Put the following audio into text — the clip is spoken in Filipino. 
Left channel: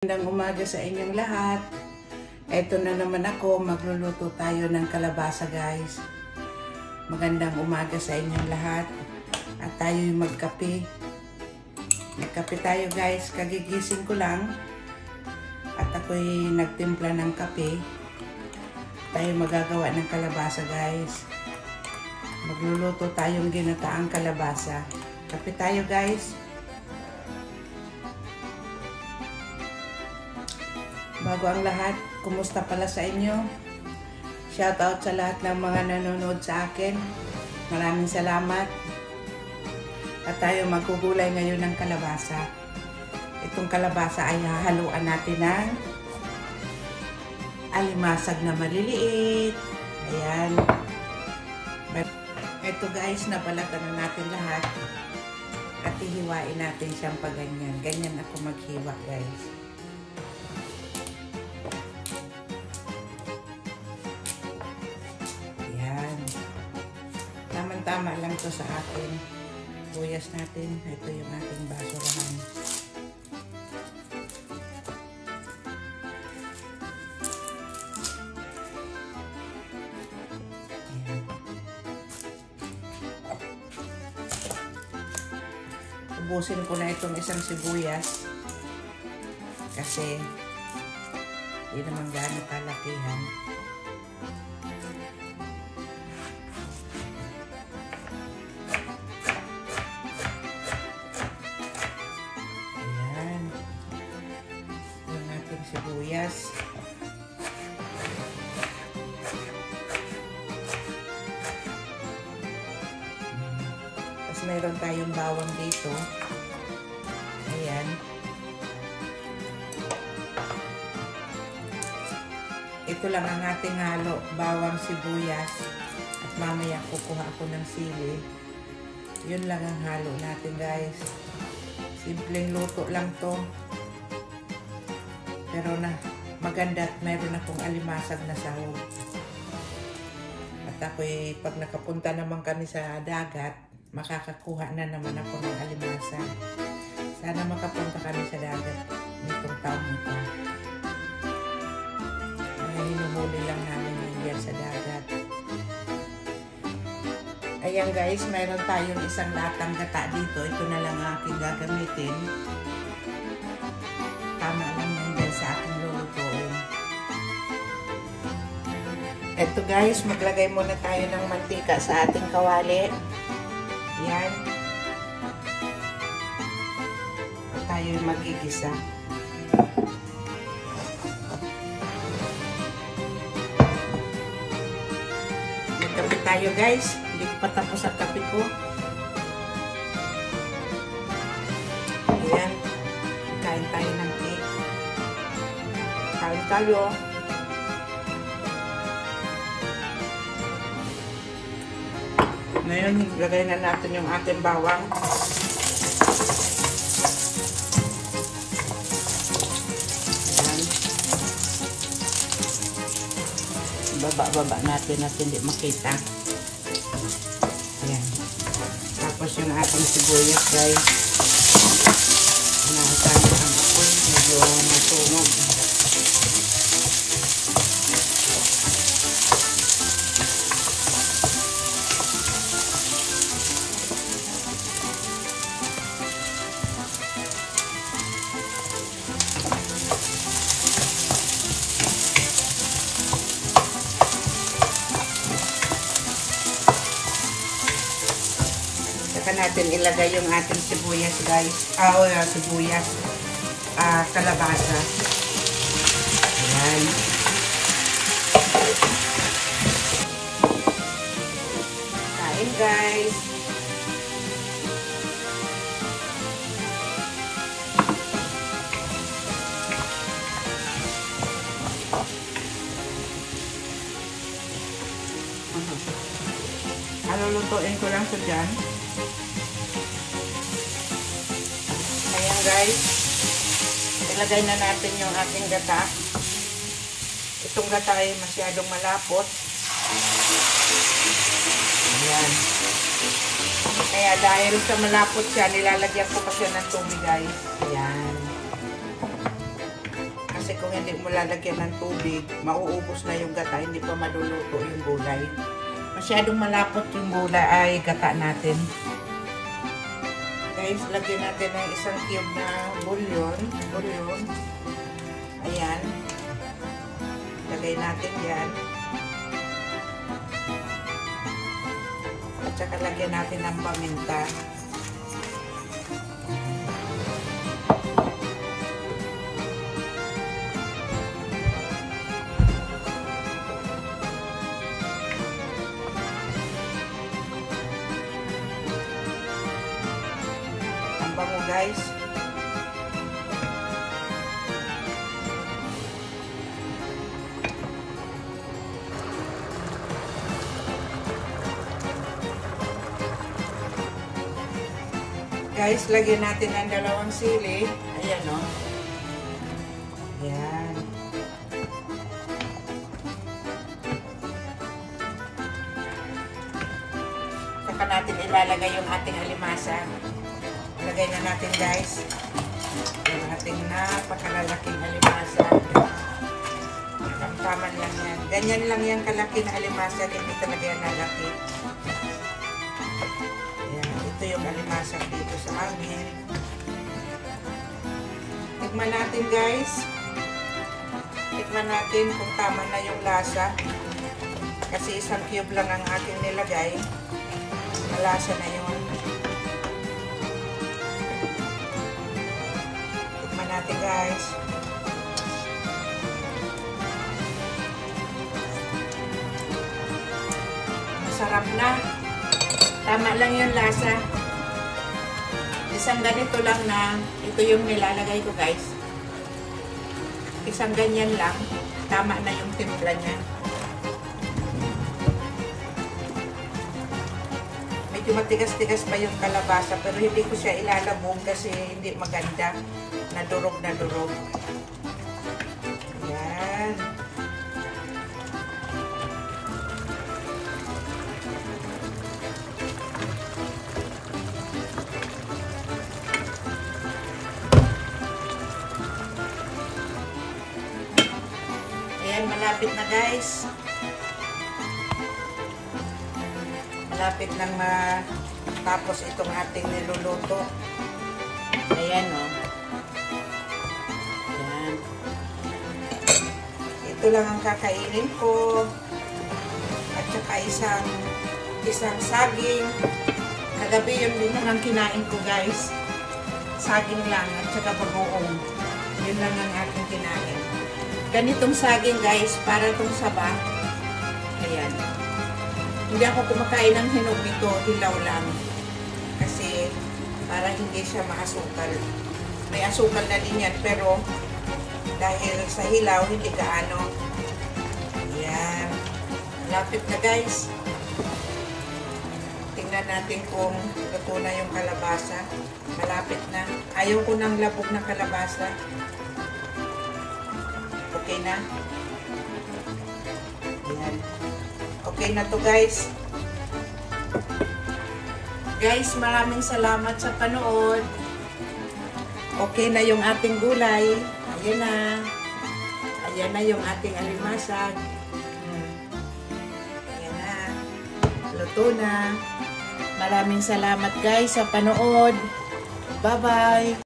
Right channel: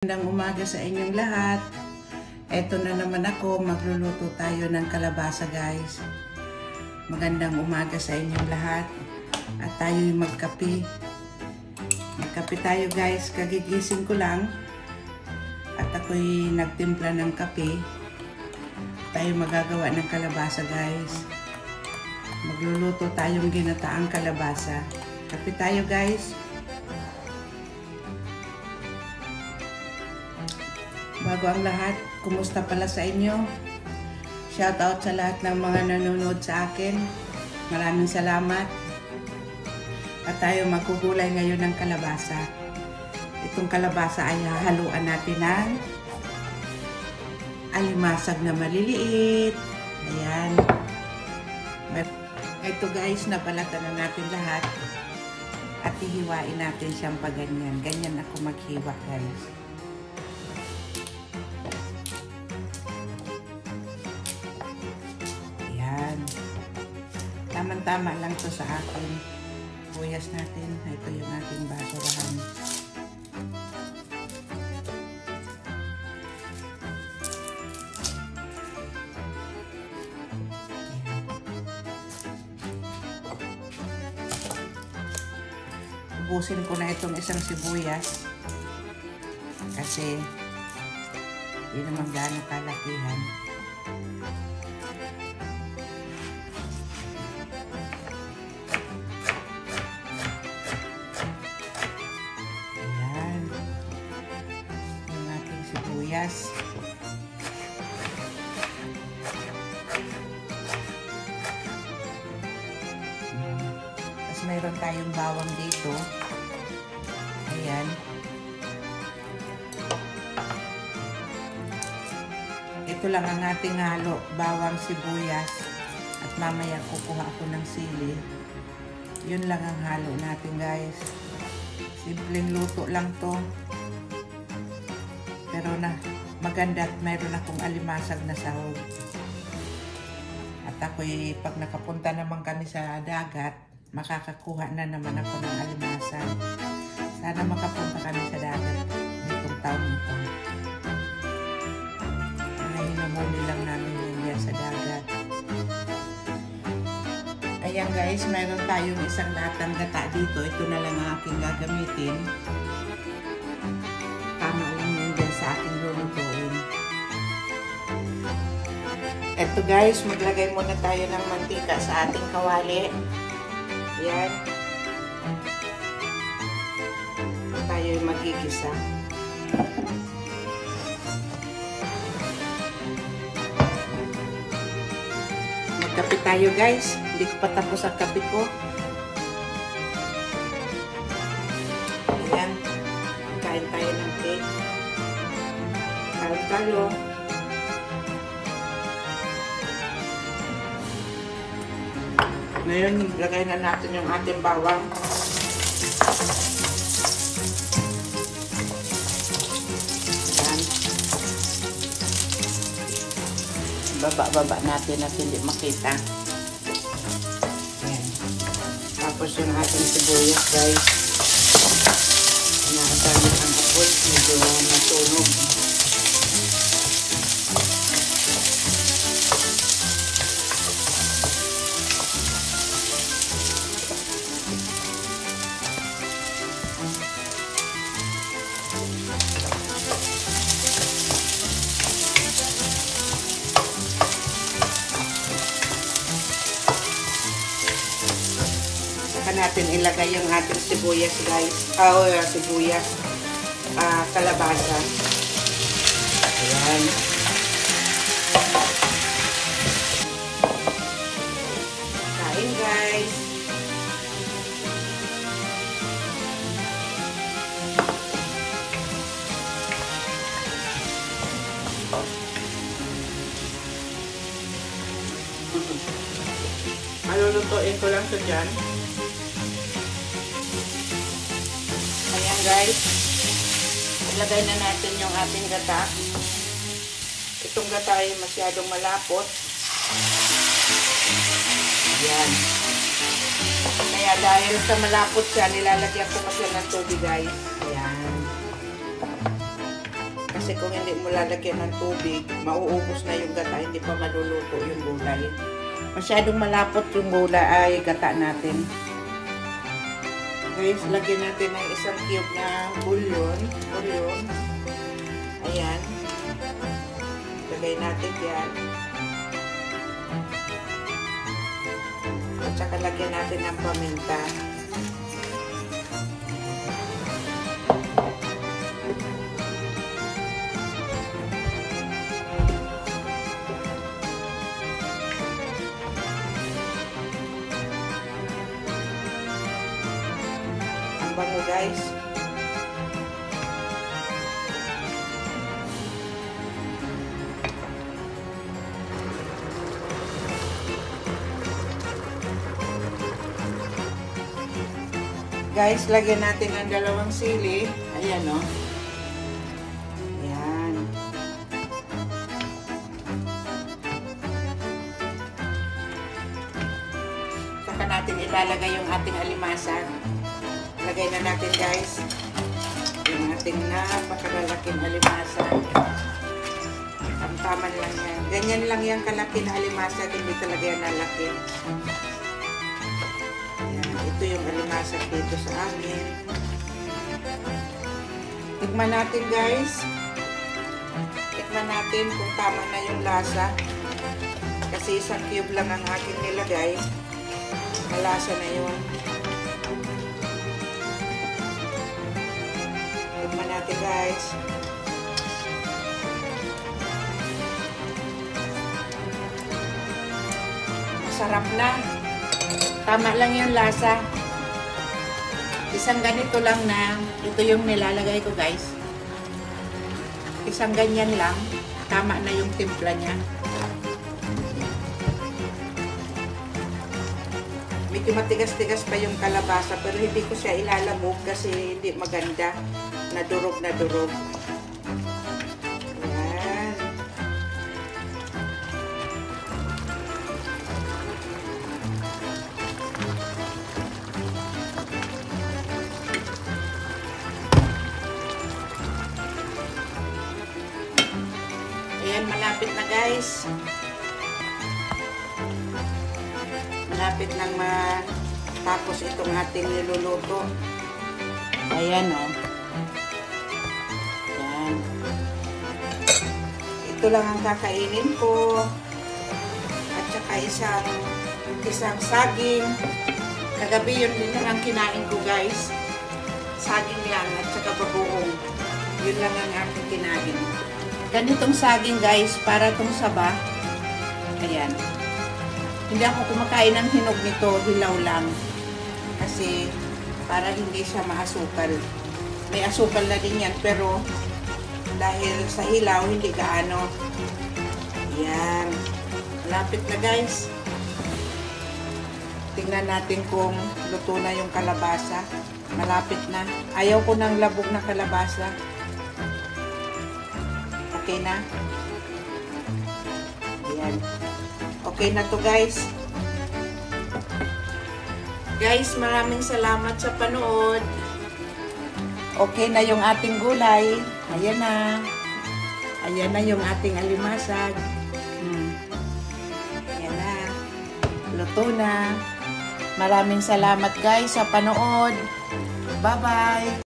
Magandang umaga sa inyong lahat. Eto na naman ako, magluluto tayo ng kalabasa guys. Magandang umaga sa inyong lahat. At tayo'y magkape. Magkape tayo guys, kagigising ko lang. At ako'y nagtimpla ng kape. Tayo magagawa ng kalabasa guys. Magluluto tayong ginataang kalabasa. Kape tayo guys. Bago ang lahat, kumusta pala sa inyo? Shoutout sa lahat ng mga nanonood sa akin. Maraming salamat. At tayo magkukulay ngayon ng kalabasa. Itong kalabasa ay hahaluan natin ng alimasag na maliliit. Ayan. Ito guys, napalatan na natin lahat. At ihiwain natin siyang paganyan. Ganyan ako maghiwa guys. Tama lang to sa atin. Buyas natin. Ito yung ating basurahan. Ubusin ko na itong isang sibuyas. Kasi hindi naman gaano kalakihan. Sibuyas. Tapos mayroon tayong bawang dito. Ayan. Ito lang ang ating halo. Bawang, sibuyas. At mamaya kukuha ako ng sili. Yun lang ang halo natin guys. Simpleng luto lang to. Pero maganda at mayroon akong alimasag na sahog. At ako'y pag nakapunta naman kami sa dagat, makakakuha na naman ako ng alimasag. Sana makapunta kami sa dagat nitong taong ito. Hinuhuli lang namin yan sa dagat. Ayan guys, mayroon tayong isang latang gata dito. Ito na lang ang aking gagamitin. Tama lang yun din sa aking lulutuin. Eto guys, maglagay muna tayo ng mantika sa ating kawali. Yan. Tayo magigisa. Magkape tayo guys. Hindi pa tapos ang kape ko. Ayan. Kain tayo ng cake. Kain tayo. Ngayon, lagay na natin yung ating bawang. Ayan. Baba natin at hindi makita. Ayan. Tapos yung ating sibuyas guys. Nakita niyo ang kapot. Medyo masunog. Saka natin ilagay yung ating sibuyas guys. Sibuyas. Kalabasa. Ayan. Kain guys. Lulutuin ko lang sa dyan. Ayan guys. Ilagay na natin yung ating gata. Itong gata ay masyadong malapot. Ayan. Kaya dahil sa malapot siya, nilalagyan ko pa siya ng tubig guys. Ayan. Kasi kung hindi mo lalagyan ng tubig, mauubos na yung gata, hindi pa maluluto yung gulay. Masyadong malapot yung gulay ay gata natin. Guys, lagyan natin ng isang cube na bouillon. Ayan. Lagay natin yan. At saka lagyan natin ng paminta. Guys, lagyan natin ang dalawang sili. Ayan o. Ayan. Saka natin ilalagay yung ating alimasag. Lagay na natin guys yung ating napakalalaking alimasag. Ang tama lang yan. Ganyan lang yung kalaki na alimasag, hindi talaga yan nalaki. Ayan, ito yung alimasag dito sa amin. Tikman natin guys. Tikman natin kung tama na yung lasa. Kasi isang cube lang ang ating nilagay. Malasa na yun. Guys, masarap na, tama lang yung lasa. Isang ganito lang na ito yung nilalagay ko guys, isang ganyan lang, tama na yung timpla niya. Medyo matigas-tigas pa yung kalabasa pero hindi ko siya ilalabog kasi hindi maganda. Nadurog na durog. Ayan. Ayan, malapit na guys. Malapit nang matapos itong ating niluluto. Ayan o. Ito lang ang kakainin ko. At saka isang saging. Kagabi yun lang ang kinain ko guys. Saging lang at saka bagoong. Yun lang ang aking kinain. Ganitong saging guys, para itong saba. Ayan. Hindi ako kumakain ng hinog nito, hilaw lang. Kasi para hindi siya maasukal. May asukal na din yan pero dahil sa hilaw, hindi gaano. Ayan. Lapit na guys. Tingnan natin kung luto na yung kalabasa. Malapit na. Ayaw ko ng labog na kalabasa. Okay na. Ayan. Okay na to guys. Guys, maraming salamat sa panood. Okay na yung ating gulay. Ayan na. Ayan na yung ating alimasag. Ayan na. Luto na. Maraming salamat guys sa panood. Bye-bye.